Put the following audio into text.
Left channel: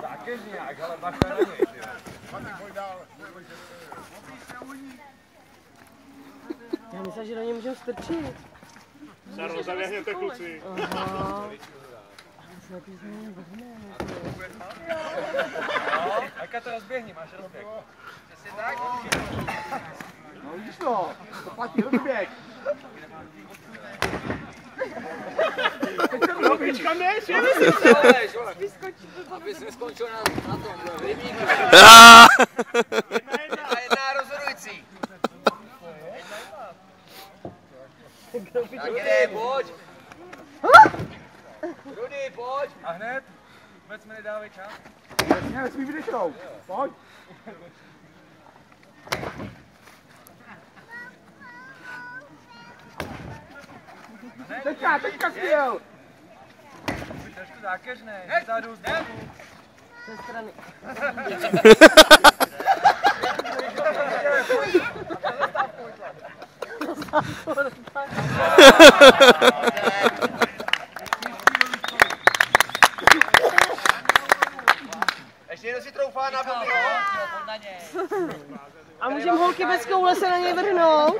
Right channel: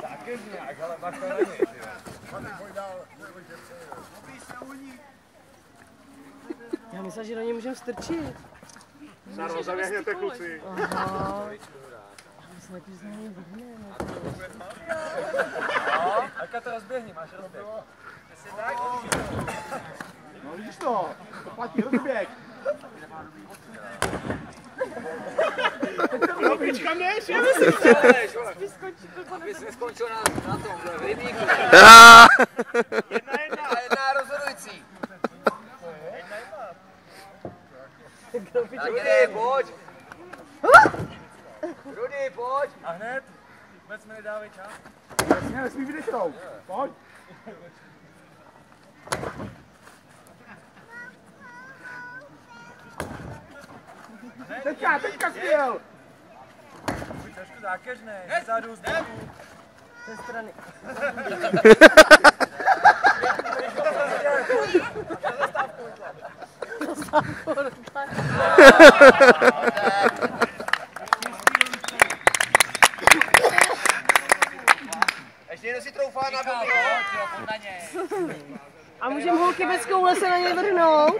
Taky nějak, ale pak to není. Já myslím, že na ně můžeme strčit. Zaběhněte kluci. Aka to rozběhni, máš rozběh. No vidíš to platí rozběh. Lopička než, je Abys neskončil na tomhle rybníku. Jedna rozhodující. Tak jde, pojď. Rudy, pojď. A hned? Vůbec mi nedávej čas. Jasně, nesmí vydechnout. Pojď. Teďka směl. Trošku zákeřnej, zezadu, z boku. Ze strany. Ještě jenom si troufá na boku. A můžeme holky bez koule se na ně vrhnout?